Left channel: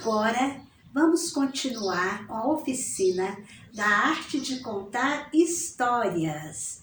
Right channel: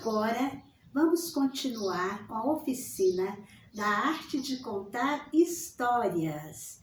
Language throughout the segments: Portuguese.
Agora, vamos continuar com a oficina da arte de contar histórias,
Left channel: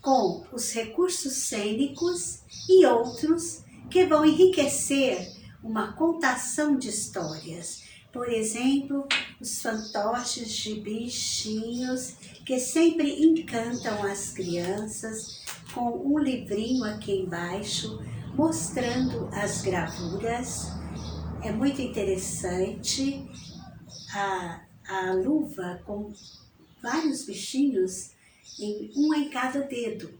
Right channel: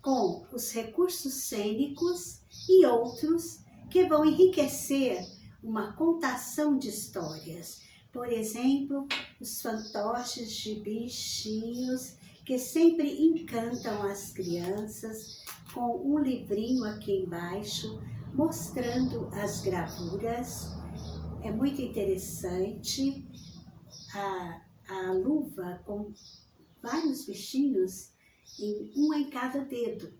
com os recursos cênicos e outros que vão enriquecer uma contação de histórias. Por exemplo, os fantoches de bichinhos que sempre encantam as crianças, com um livrinho aqui embaixo mostrando as gravuras. É muito interessante a luva com vários bichinhos, um em cada dedo.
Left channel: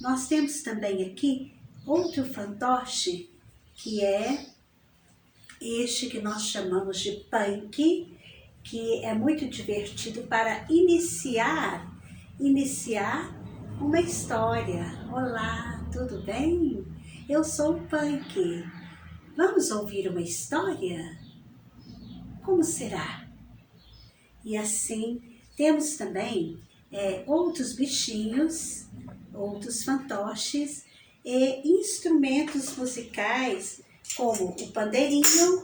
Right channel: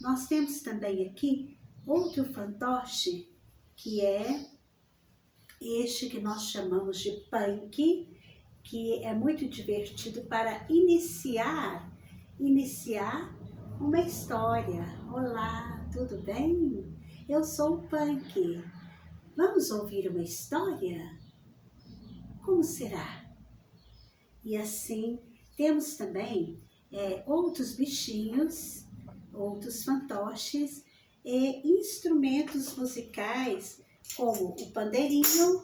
Nós temos também aqui outro fantoche, que é este que nós chamamos de punk, que é muito divertido para iniciar uma história. Olá, tudo bem? Eu sou o Punk. Vamos ouvir uma história? Como será? E assim, temos também outros bichinhos, outros fantoches e instrumentos musicais, como o pandeirinho.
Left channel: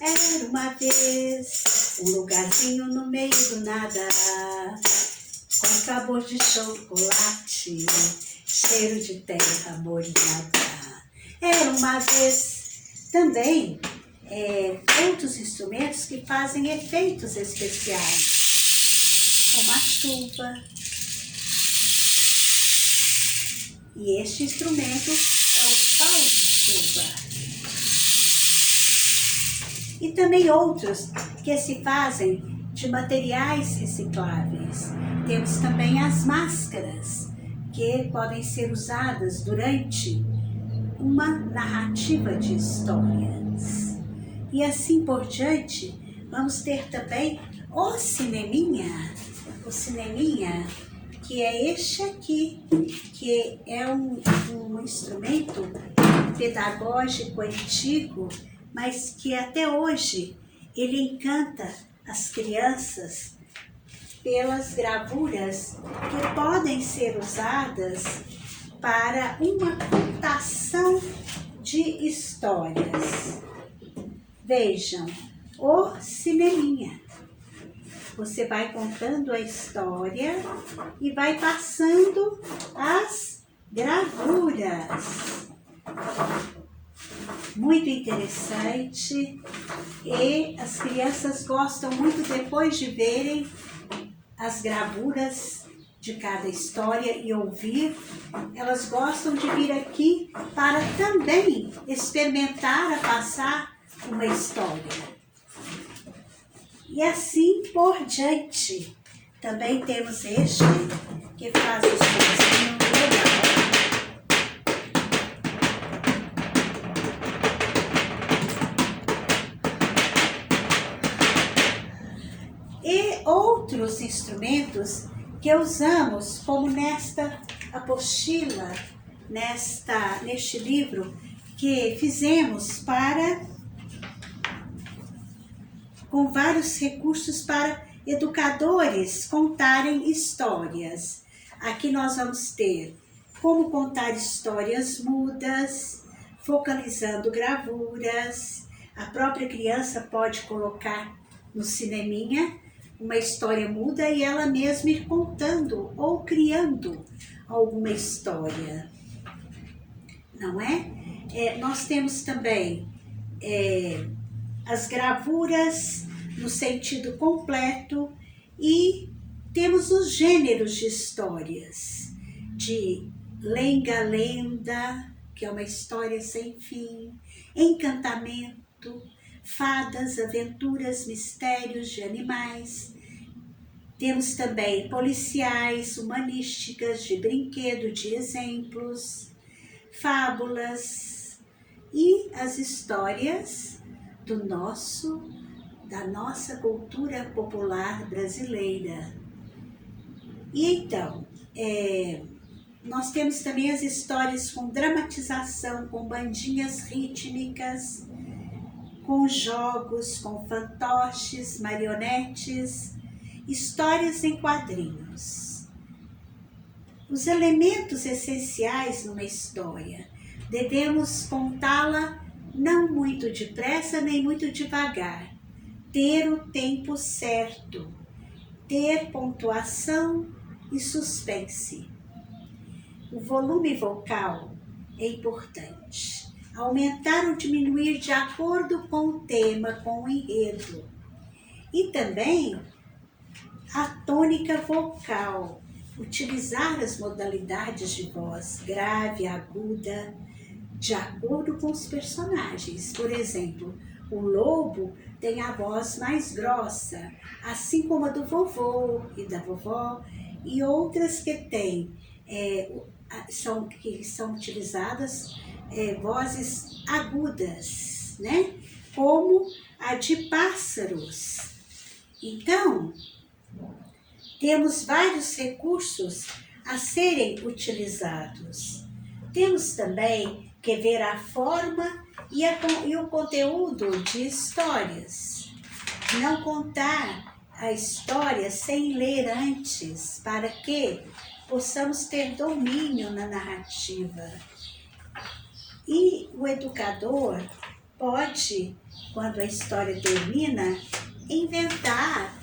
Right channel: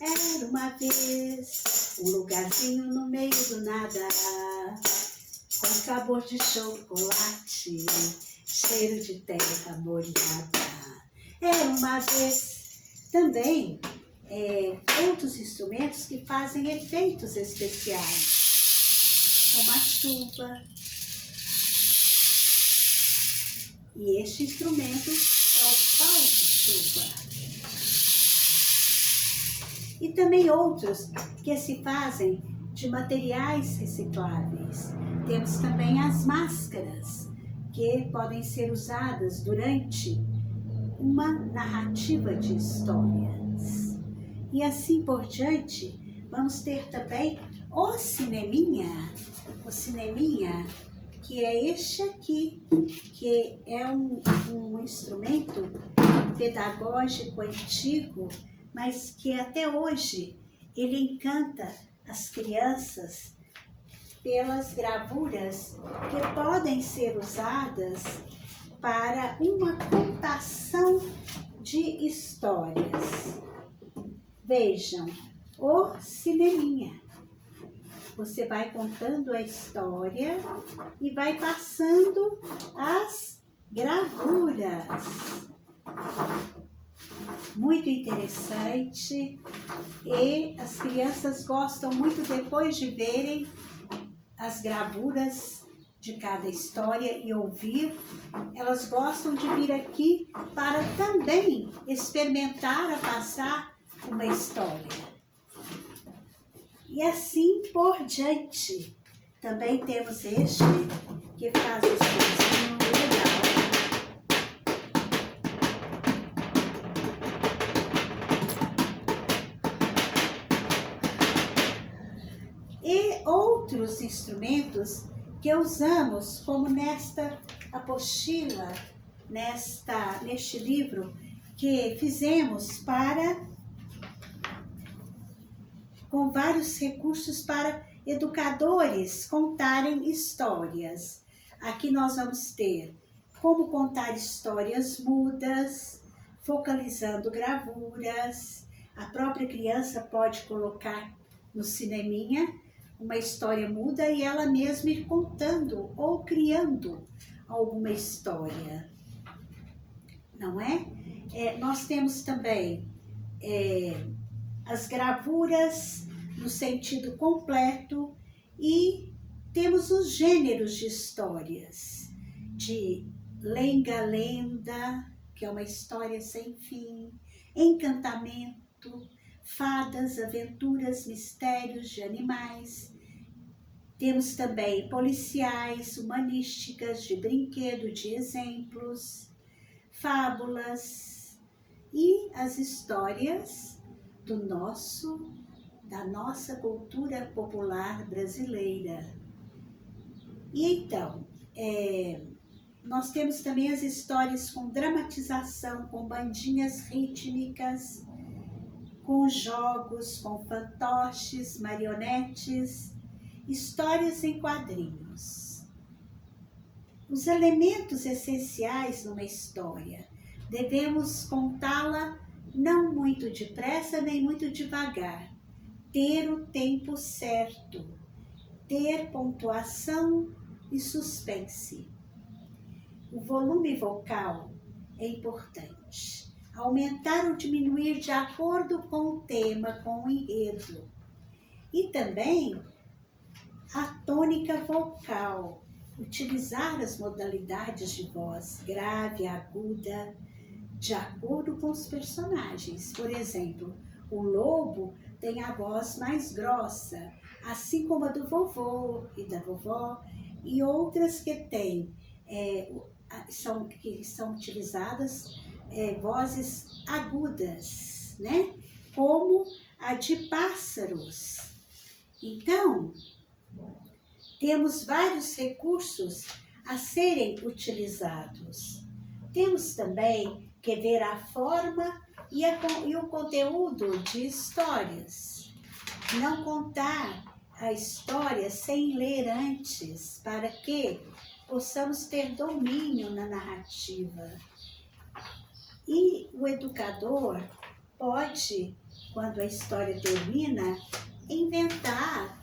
Era uma vez um lugarzinho no meio do nada, com sabor de chocolate, cheiro de terra molhada. Era uma vez também outros instrumentos que fazem efeitos especiais, como a chuva. E este instrumento é o pau de chuva. E também outros que se fazem de materiais recicláveis. Temos também as máscaras, que podem ser usadas durante uma narrativa de histórias. E assim por diante, vamos ter também o cineminha. O cineminha, que é este aqui, que é um instrumento pedagógico antigo, mas que até hoje ele encanta as crianças pelas gravuras que podem ser usadas para uma contação de histórias. Vejam, o cineminha. Você vai contando a história e vai passando as gravuras. Muito interessante, e as crianças gostam muito, depois de verem as gravuras de cada história e ouvir, elas gostam de vir aqui para também experimentar a passar uma história. E assim por diante. Também temos este que faz o sonzinho legal. E outros instrumentos que usamos, como nesta apostila, neste livro que fizemos com vários recursos para educadores contarem histórias. Aqui nós vamos ter como contar histórias mudas, focalizando gravuras. A própria criança pode colocar no cineminha uma história muda e ela mesma ir contando ou criando alguma história, não é? Nós temos também as gravuras no sentido completo e temos os gêneros de histórias, de lenga-lenda, que é uma história sem fim, encantamento, fadas, aventuras, mistérios de animais. Temos também policiais, humanísticas, de brinquedo, de exemplos, fábulas e as histórias da nossa cultura popular brasileira. E então, nós temos também as histórias com dramatização, com bandinhas rítmicas, com jogos, com fantoches, marionetes, histórias em quadrinhos. Os elementos essenciais numa história, devemos contá-la não muito depressa nem muito devagar, ter o tempo certo, ter pontuação e suspense. O volume vocal é importante. Aumentar ou diminuir de acordo com o tema, com o enredo. E também a tônica vocal. Utilizar as modalidades de voz grave, aguda, de acordo com os personagens. Por exemplo, o lobo tem a voz mais grossa, assim como a do vovô e da vovó, e outras que têm, que são utilizadas vozes agudas, né? Como a de pássaros. Então, temos vários recursos a serem utilizados. Temos também que ver a forma e o conteúdo de histórias. Não contar a história sem ler antes, para que possamos ter domínio na narrativa. E o educador pode, quando a história termina, inventar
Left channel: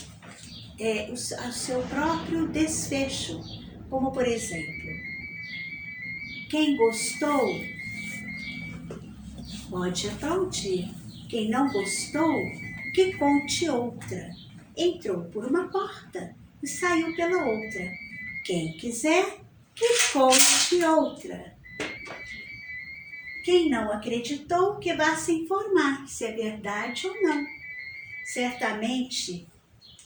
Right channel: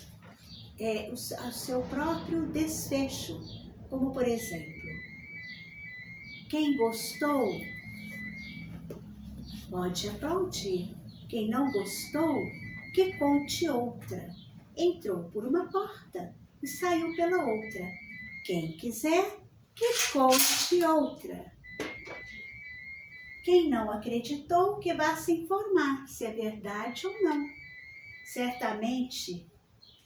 o seu próprio desfecho. Como, por exemplo, quem gostou pode aplaudir. Quem não gostou, que conte outra. Entrou por uma porta e saiu pela outra. Quem quiser, que conte outra. Quem não acreditou, que vá se informar se é verdade ou não. Certamente,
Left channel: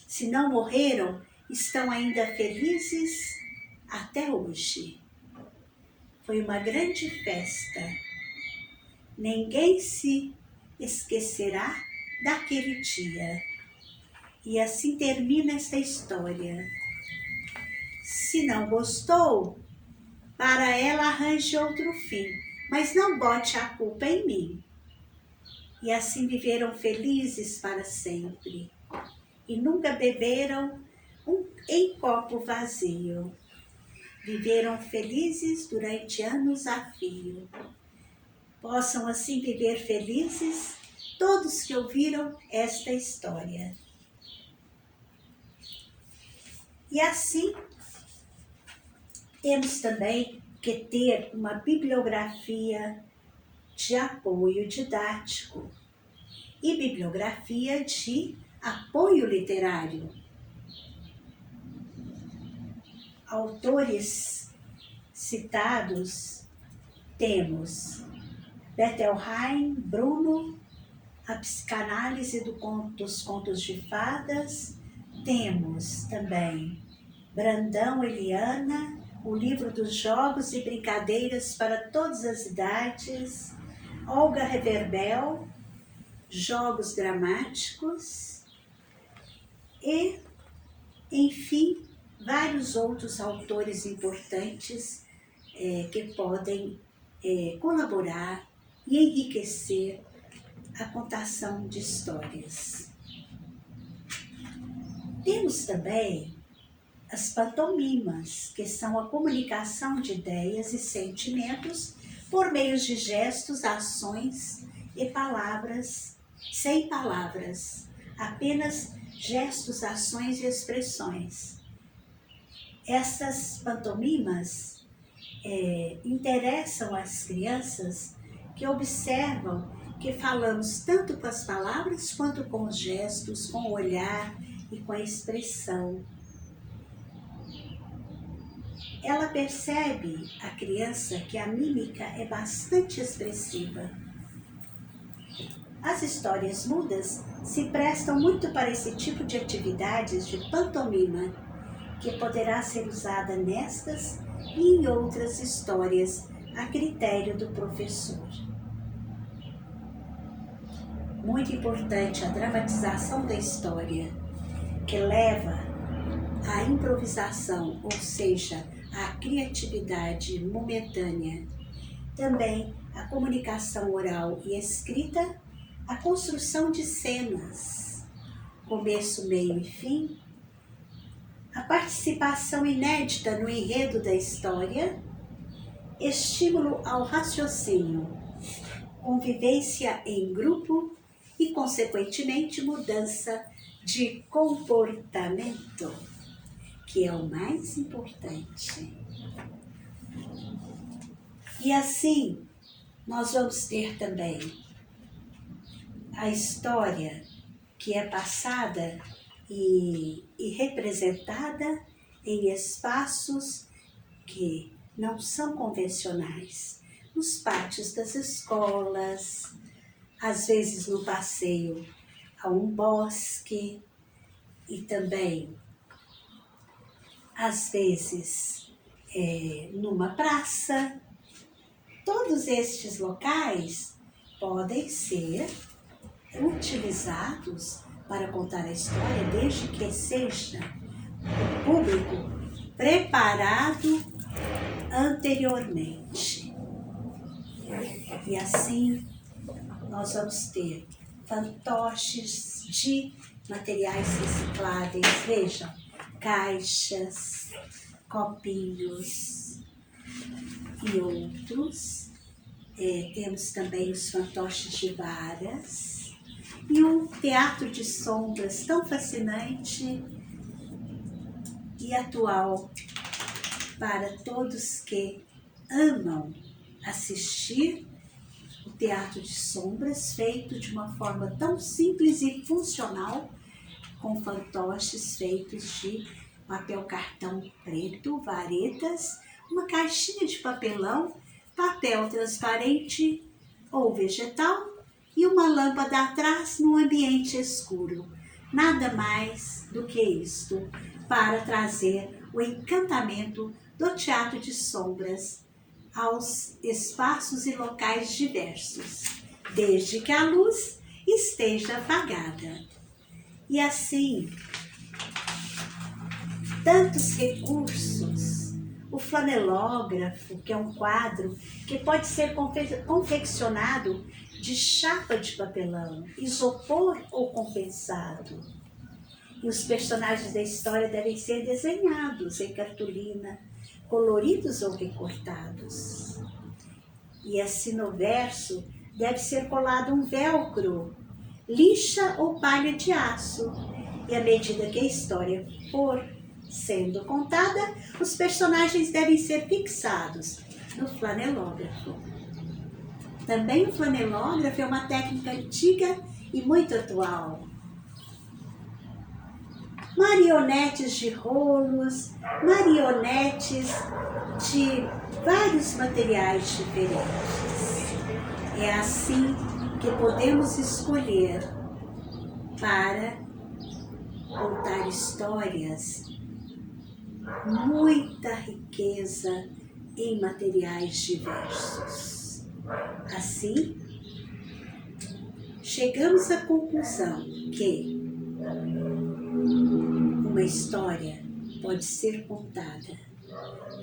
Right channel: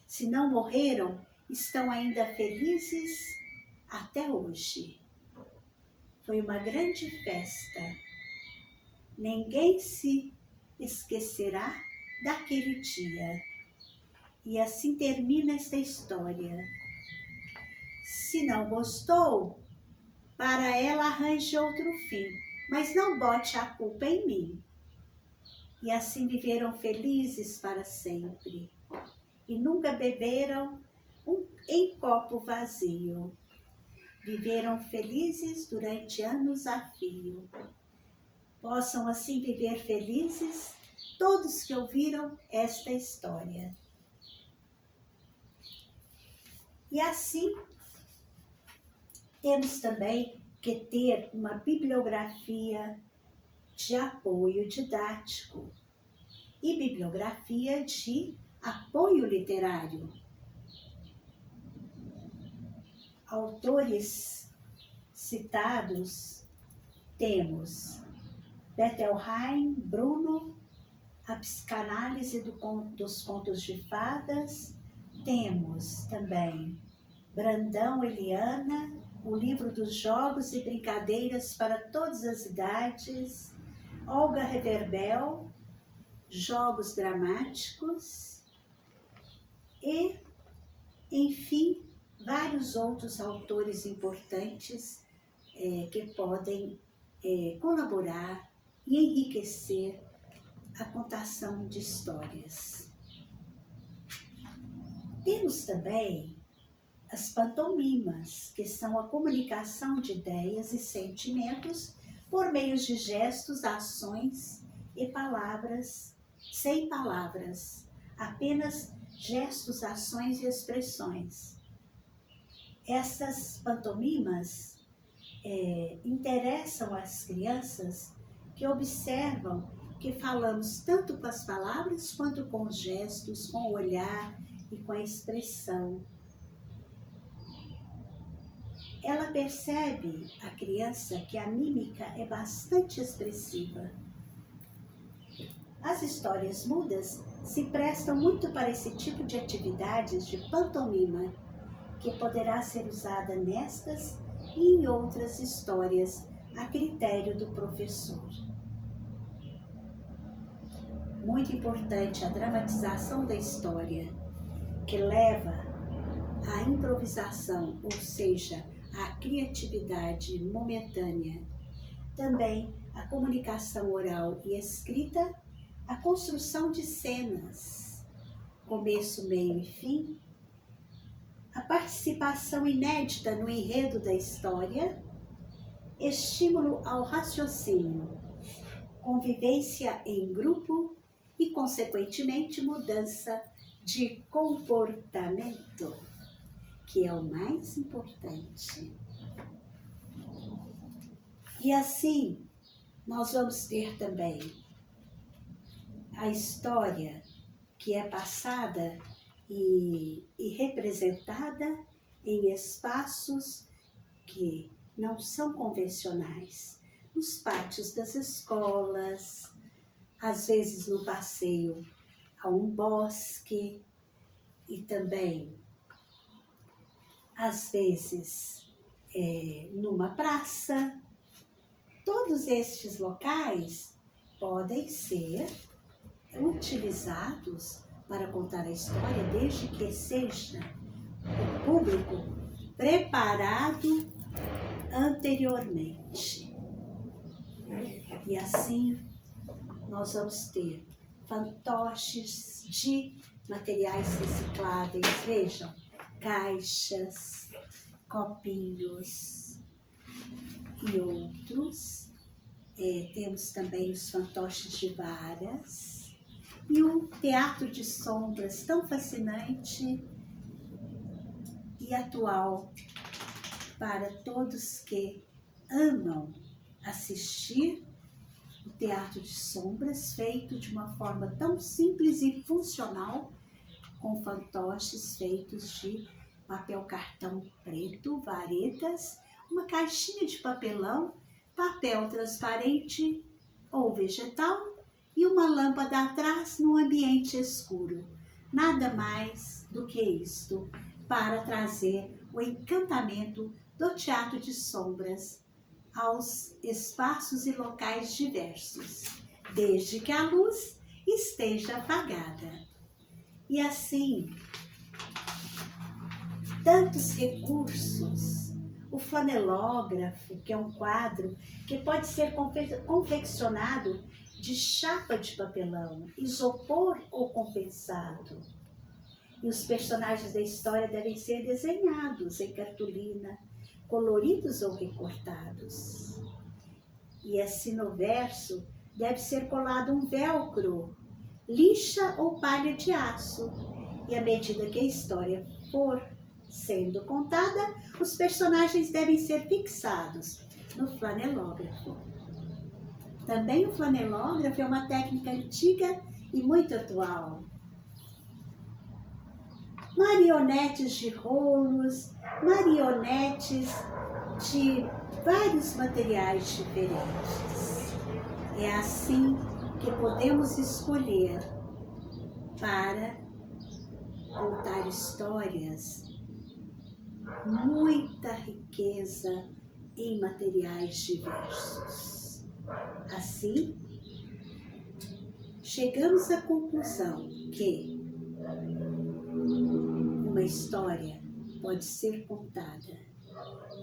se não morreram, estão ainda felizes até hoje. Foi uma grande festa. Ninguém se esquecerá daquele dia. E assim termina esta história. Se não gostou, para ela arranje outro fim, mas não bote a culpa em mim. E assim viveram felizes para sempre. E nunca beberam em copo vazio. Viveram felizes durante anos a fio. Possam assim viver felizes todos que ouviram esta história. E assim, temos também que ter uma bibliografia de apoio didático e bibliografia de apoio literário. Autores citados temos Bettelheim, Bruno, a psicanálise dos contos de fadas. Temos também Brandão, Eliana, o livro dos jogos e brincadeiras para todas as idades. Olga Reverbel, jogos dramáticos. E, enfim, vários outros autores importantes que podem colaborar e enriquecer a contação de histórias. Temos também as pantomimas, que são a comunicação de ideias e sentimentos por meio de gestos, ações e palavras, sem palavras, apenas gestos, ações e expressões. Essas pantomimas interessam as crianças que observam que falamos tanto com as palavras quanto com os gestos, com o olhar e com a expressão. Ela percebe, a criança, que a mímica é bastante expressiva. As histórias mudas se prestam muito para esse tipo de atividades de pantomima, que poderá ser usada nestas e em outras histórias a critério do professor. Muito importante a dramatização da história, que leva à improvisação, ou seja, à criatividade momentânea. Também a comunicação oral e escrita, a construção de cenas, começo, meio e fim, a participação inédita no enredo da história, estímulo ao raciocínio. convivência em grupo e, consequentemente, mudança de comportamento, que é o mais importante. E assim, nós vamos ter também a história que é passada e representada em espaços que não são convencionais, nos pátios das escolas, às vezes no passeio a um bosque e também, às vezes, numa praça. Todos estes locais podem ser utilizados para contar a história, desde que seja o público preparado anteriormente. E assim nós vamos ter fantoches de materiais recicláveis, vejam, caixas, copinhos e outros. Temos também os fantoches de varas e um teatro de sombras tão fascinante e atual para todos que amam assistir o teatro de sombras, feito de uma forma tão simples e funcional, com fantoches feitos de papel cartão preto, varetas, uma caixinha de papelão, papel transparente ou vegetal e uma lâmpada atrás num ambiente escuro. Nada mais do que isto para trazer o encantamento do teatro de sombras aos espaços e locais diversos, desde que a luz esteja apagada. E assim, tantos recursos. O flanelógrafo, que é um quadro que pode ser confeccionado de chapa de papelão, isopor ou compensado. E os personagens da história devem ser desenhados em cartolina, coloridos ou recortados. E assim no verso deve ser colado um velcro, lixa ou palha de aço. E à medida que a história for sendo contada, os personagens devem ser fixados no flanelógrafo. Também o flanelógrafo é uma técnica antiga e muito atual. Marionetes de rolos, marionetes de vários materiais diferentes. É assim que podemos escolher para contar histórias, muita riqueza em materiais diversos. Assim, chegamos à conclusão que uma história pode ser contada,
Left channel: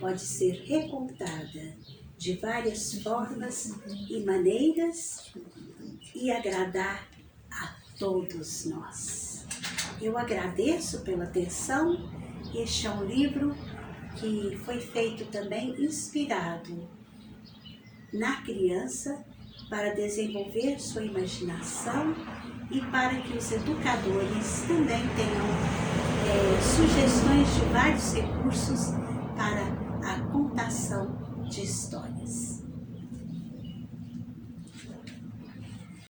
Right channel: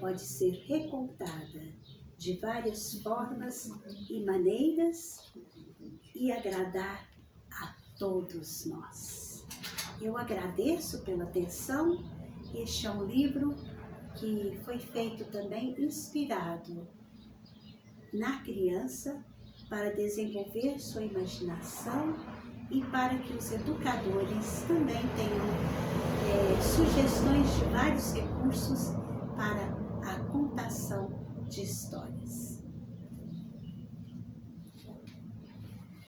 pode ser recontada de várias formas e maneiras e agradar a todos nós. Eu agradeço pela atenção. Este é um livro que foi feito também inspirado na criança para desenvolver sua imaginação e para que os educadores também tenham sugestões de vários recursos